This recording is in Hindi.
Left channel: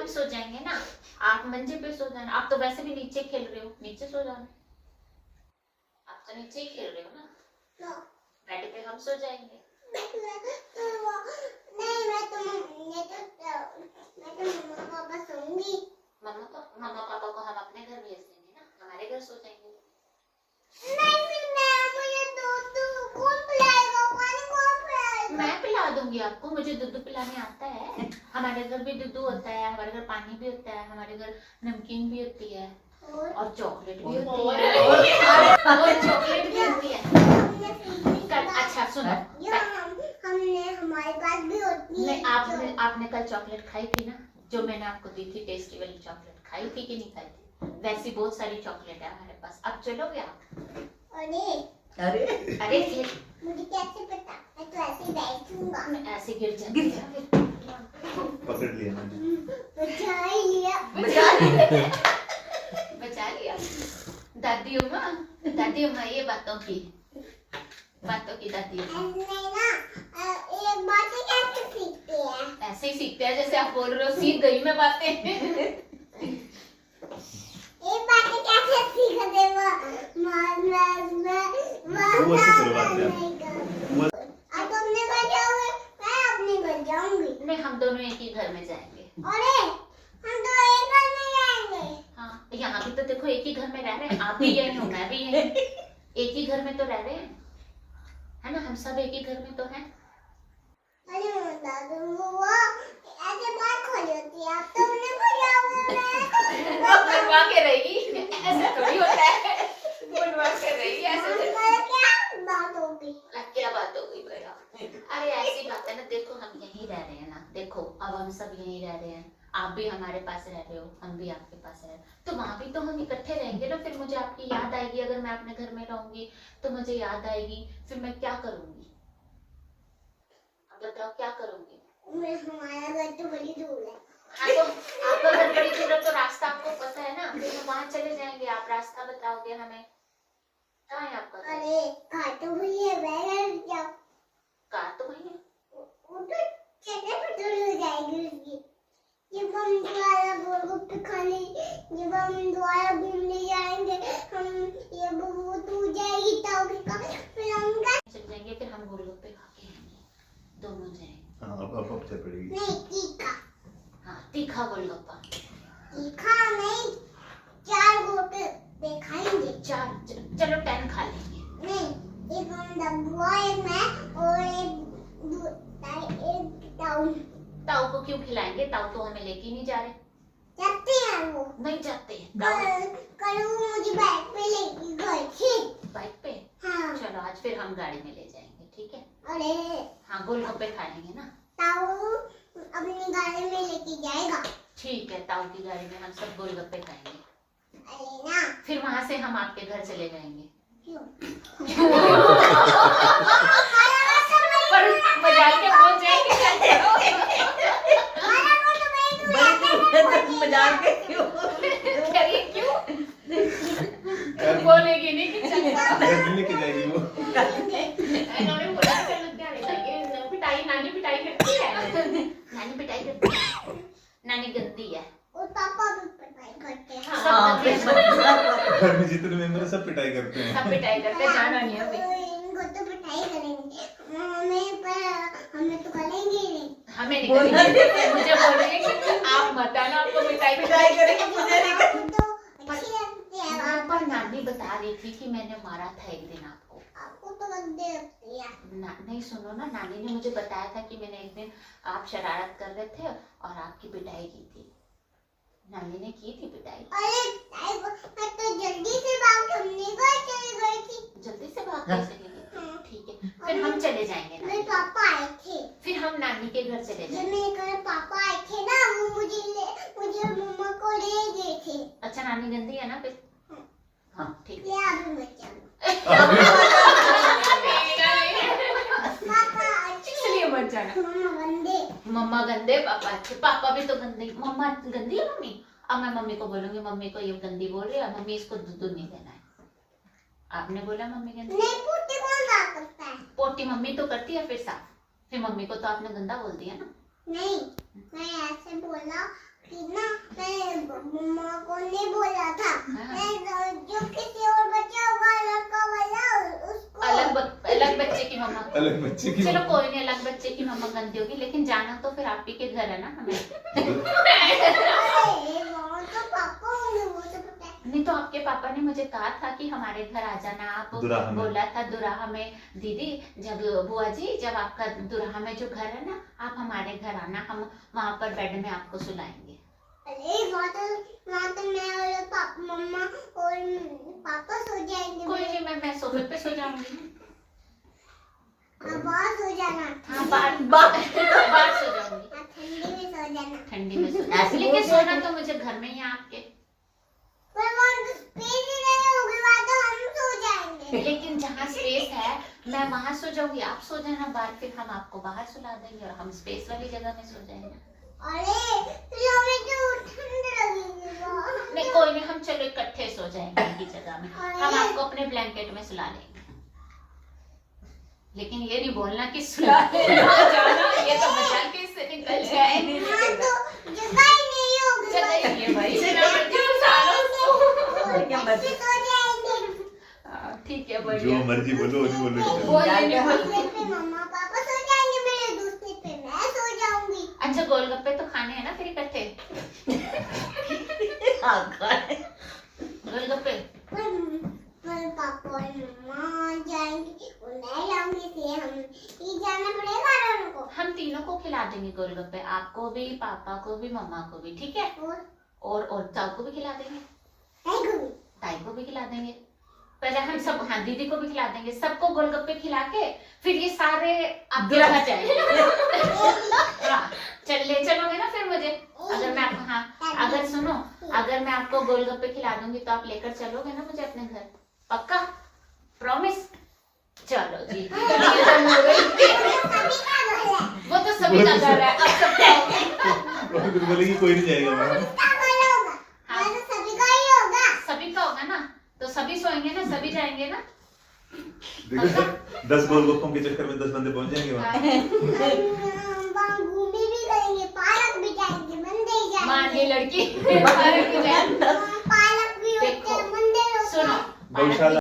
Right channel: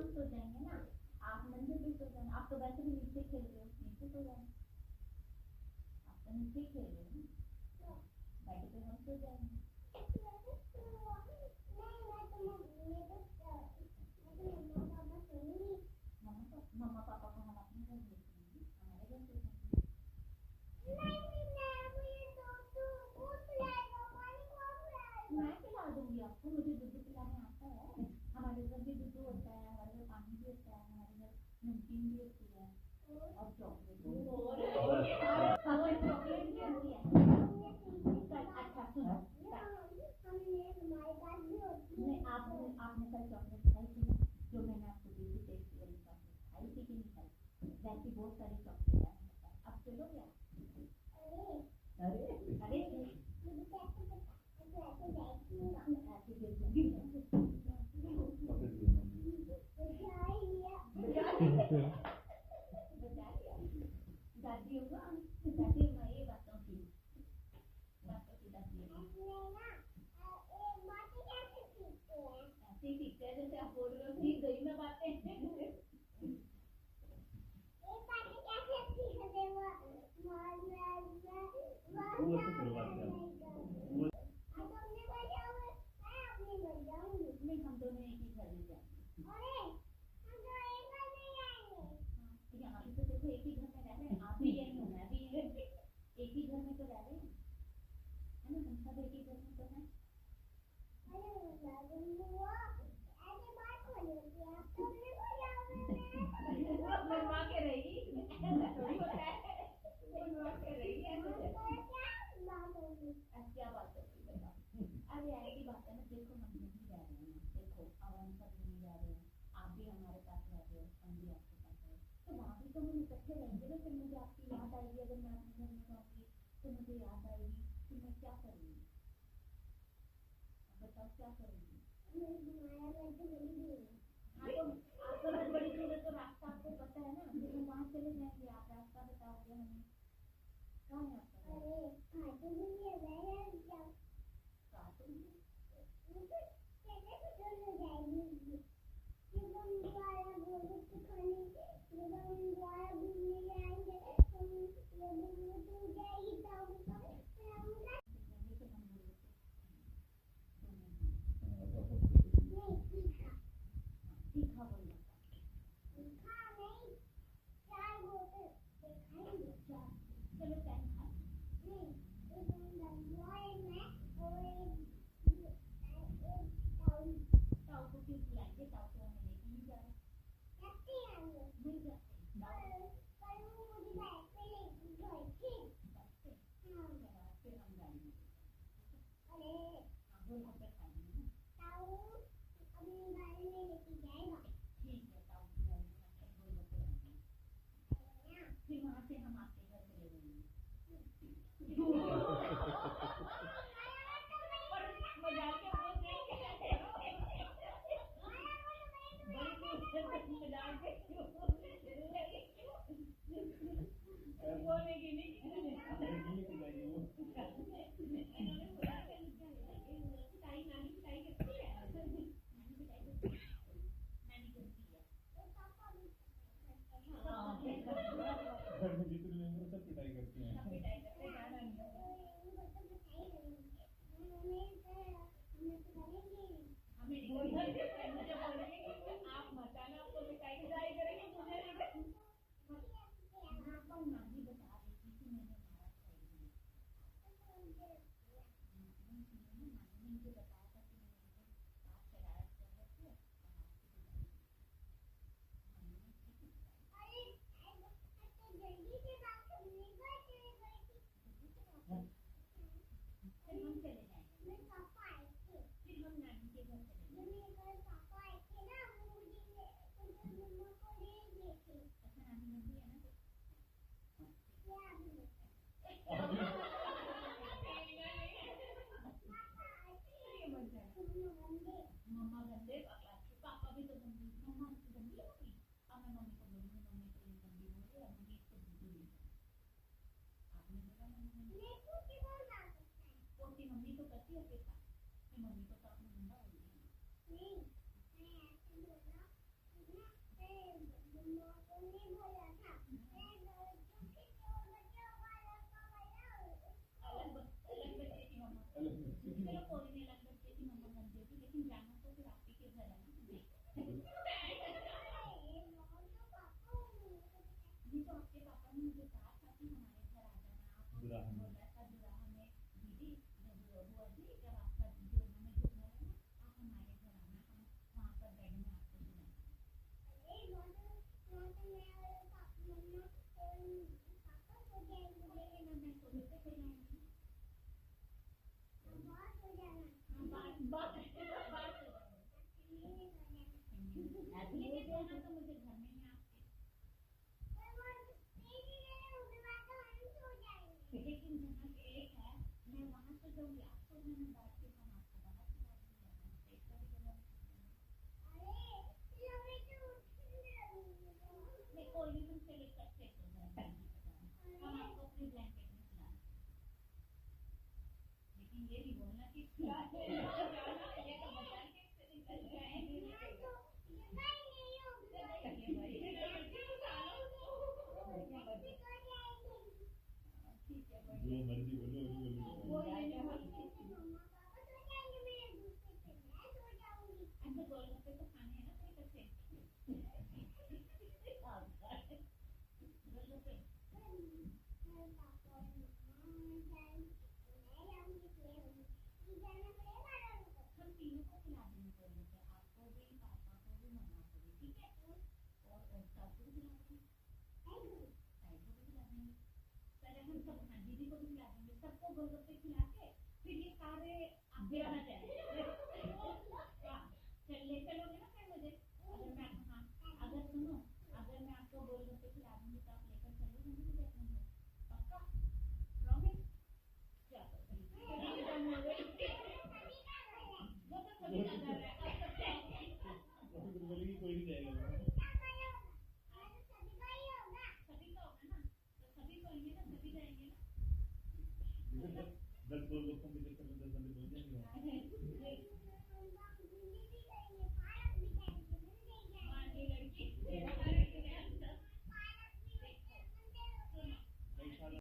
हम सो जाएंगे ना, आप मंजे पे सो जाना। आप तो वैसे भी नीचे खेल रहे हो, नीचे सो जाना। आप तो नीचे ही खेल रहे हो ना, बेड पे हम सो जाएंगे। मम्मा पापा को हम अपने घर भेज देंगे ना, हमारे घर सो जाएंगे। मैं पिला दूंगी आपको, मुझे दूध पिलाने आता है। हमारे घर भी दूध होता है, हमारे घर पानी भी होता है, हमारे घर नमकीन भी होती है और चॉकलेट भी होती है और चॉकलेट भी होती है। अच्छा सुनो, हमने हमारे पास भी होती है। आपने कल चॉकलेट खाई थी ना, जो मैंने आपको दी थी, टेस्टी वाली चॉकलेट खाई थी कि नहीं खाई थी? वैसी बहुत सारी चॉकलेट है हमारे पास। अब चलोगे आप? अरे अरे मुझे कैसे पता? मैं तो ऐसे बैठूंगा। मैं ऐसे गिर जाती है। पकड़ लिया मैंने। बचा लिया। दादी उम्मा ये बातों की दादी उम्मा एक बात कैसे सीखते हैं? ऐसे ही सीखते हैं जैसे आप बोल रहे हो, सीख गई मैं बातें। एक बात कैसे सीखते हो? वो ऐसे करवाते हैं। आप अपने घर जाओगे, मैं अपने घर जाऊंगी। नहीं, हम दोनों एक ही घर में जाएंगे। अरे हम तो एक घर में जाएंगे। हाँ, यहाँ भी तो देखो एक ही घर में रह रहे हैं। आप भी यही हो, मैं भी यही। एक ही घर में तो रह रहे हैं, है ना? हम सब एक ही घर में तो हैं। अरे दादू वो ऐसे बात खोली होती है। आप तो अपने घर जाओगे, वो बनवा के रहेगी, ऐसा थोड़ी होता है। बनवा के रहेगी, ऐसा थोड़ी। क्या बात होगी? क्या बात हो गई भैया? अरे ऐसी बात है ना, देखो हम यहीं रह रहे हैं ना, देखो अब हम सब यहीं रह रहे हैं। आप भी हमारे पास रह रहे हो, हम भी आपके पास रह रहे हैं, तो वहाँ भी तो हम इकट्ठे रहेंगे ना। फिर मुझे आपकी याद आएगी, अगर मैं अपने घर में रहूंगी तो मुझे याद आएगी, फिर मैं क्या करूंगी? अब बताओ क्या करूंगी? हमारा घर तो बड़ी दूर है। हाँ तो आपका घर बड़ी दूर है, तो रास्ता आपको पता है ना, फिर हम वहाँ चले जाएंगे। आप रास्ता बताओगे हमें, कहाँ है आपका घर? अरे कार तो वही है, मैं जाओ। कार तो वही है। वो तो चलने पर दूर हो जाएगी उसकी। जब हम दोबारा गोलगप्पे खाने, जब हम दोबारा घूमने जाएंगे, हम ये वो दूर जाएगी ताऊ के का, फिर हम चल जाएंगे, फिर हम गोलगप्पे खा के आएंगे, दोनों जाएंगे। हाँ अब चल पड़ेगी। नहीं तीखा। हाँ, तीखा गोलगप्पा। तीखा नहीं, 4 गोलगप्पे खाएंगे। चलो 10 खा लेंगे। नहीं, एक हम डब्बुआ, एक मैं और एक ताऊ। ताऊ को क्यों खिलाएंगे? ताऊ तो हमें लेके नहीं जा रहे। जाते हैं वो। नहीं जाते। कल वो मुझे बाइक पे लेके गए थे। बाइक पे? हाँ। चलो आज फिर हम गाड़ी में ले जाएंगे, ठीक है? अरे हाँ, गोलगप्पे खाएंगे ना। ताऊ अपनी गाड़ी में लेके जाएगा। ठीक है, ताऊ की गाड़ी में हम सब गोलगप्पे खाएंगे। अरे ना, फिर वहाँ से हम आपके घर चले जाएंगे। क्यों? पर मजाक के पहुंच जाएंगे। मजाक के क्यों? करिए क्यों? बोलेगी नहीं कि चलेगा। गंदी की जाएगी वो। इन्होंने बोला चलो क्या लेंगे? पिटाई, नानी पिटाई करती है। नानी पिटाई करती है। नानी गंदी है। और पापा भी पिटाई करते हैं। हाँ, घर में जितने मेंबर सब पिटाई करते हैं। सब पिटाई करते हैं, जाना नहीं अभी। इनको तो पिटाई करेंगे, हमें तो करेंगे ही नहीं। हमें नहीं करेंगे। मुझे बोल रही है कि आप मत आना, आपको पिटाई करेंगे, मुझे नहीं आपको तो अच्छी लगती है। पर नानी बता रही थी कि मैंने मारा था एक दिन आपको। आपको तो गंदे लगती है। नहीं सुनो ना, नानी ने मुझे बताया था कि मैंने एक दिन आप शरारत कर रहे थे और आपकी पिटाई की थी। नानी ने की थी पिटाई। अरे मैं तो जल्दी से भाग के अपने घर चली गई थी। जल्दी से भाग के चली गई? ठीक है, फिर हम चले जाएंगे मेरे नानी। पापा आए थे। फिर हम नानी के घर चले जब जाएंगे। मेरे घर पापा आए थे ना, वो मुझे मम्मा को ले गए थे। अच्छा, नानी गंदी है ना फिर? हाँ ठीक है। ले अभी मत जाओ। इसलिए मत जाना। मम्मा गंदे, पापा अच्छे। पापा भी तो गंदे। मम्मा गंदी है मम्मी? अब मैं मम्मी को बोलूंगी, मम्मी को ये गंदी बोल रही है, मम्मी इसको दूध नहीं देना है। आपने बोला मम्मी गंदी? नहीं, पोटी कौन साफ करता है? पोटी मम्मी तो करती है फिर साफ। फिर मम्मी को तो आपने गंदा बोल दिया ना। नहीं, मैं ऐसे बोला कि ना अलग बच्चे की चलो कोई नहीं, अलग बच्चे की मम्मा गंदी होगी, लेकिन जाना तो फिर आप ही के घर है ना हमें। अरे वो तो पापा होंगे, वो तो पता है। नहीं तो आपके पापा ने मुझे कहा था कि हमारे घर आ जाना, आप दुराहा में। बोला था दुराहा में। दीदी जब बुआ जी जब आपका दुराहा में जो घर है ना, आप हमारे घर आना, हम वहाँ पर बेड में आपको सुलाएंगे। अरे वहाँ तो मैं और पापा मम्मा और पापा सो जाएंगे। कोई नहीं, मैं सोफे पे सो जाऊंगी। हाँ, बाहर सो जाना। हाँ बाहर सो जाऊंगी, हाँ, ठंडी में सो जाना। ठंडी में सो जाऊंगी, लेकिन सोना तो मुझे घर में ही है आपके। पर वहाँ तो स्पेस ही नहीं होगी, वहाँ तो हम सो जाएंगे। लेकिन जहाँ स्पेस है मैं वहाँ सो जाऊंगी, आप सो जाना बाहर, फिर हम आपको बाहर सुला देंगे और हम स्पेस वाली जगह में सो जाएंगे। अरे फिर हमें तो ठंड लगेगी वहाँ। नहीं कोई नहीं, हम चलो इकट्ठे सो जाएंगे एक ही जगह में, हम आपको अपने ब्लैंकेट में सुला लेंगे। लेकिन ये नहीं बोलना कि सुला लेना जाना, ये तो मजाक के से निकल जाए। वहाँ तो जगह ही नहीं होगी। चलिए भाई, और बच्चे सो जाएंगे। ठीक है जो बढ़िया। मर्जी बोलो वही बोलो। दूसरे पे मम्मा पापा सो जाएंगे, मेरे दूसरे पे मैं सो जाऊंगी। अच्छा गोलगप्पे तो खाने हैं ना फिर इकट्ठे, गोलगप्पे। पर पापा और मम्मा जाएंगे और मैं जाऊंगी, इसलिए हम ही जाना पड़ेगा दोनों को। हम तीनों को खिला देंगे गोलगप्पे, आपको भी, पापा को भी, मम्मा को भी, ठीक है। और ताऊ को भी खिला देंगे, ताई को भी खिला देंगे। पहले हम सब, हाँ दीदी को भी खिला देंगे, सबको गोलगप्पे खिला के फिर ये सारे आपके घर जाएंगे। हाँ ले चलोगे ना फिर मुझे, अगर मैं आपको, हाँ अगर सुनो, अगर मैं आपको गोलगप्पे खिला दूंगी तो आप लेकर चलोगे ना मुझे अपने घर, पक्का, प्रॉमिस? चलो जी। वो तो सभी का घर है, अब सब खाओगे। फिर बोलेगी कोई नहीं जाएगा वहाँ। हाँ, तो सभी का ही होगा। सभी का होगा ना, तो सभी सोएंगे ना, सभी जाएंगे ना। देखो 10 गोलगप्पों के चक्कर में 10 बंदे पहुंच जाएंगे वहाँ। हम वहाँ घूमी भी करेंगे, पार्क भी जाएंगे, मंदिर जाएंगे। मान ली लड़की, पार्क भी जाएंगे। पार्क भी होते हैं, मंदिर होते हैं। सुनो, गौशाला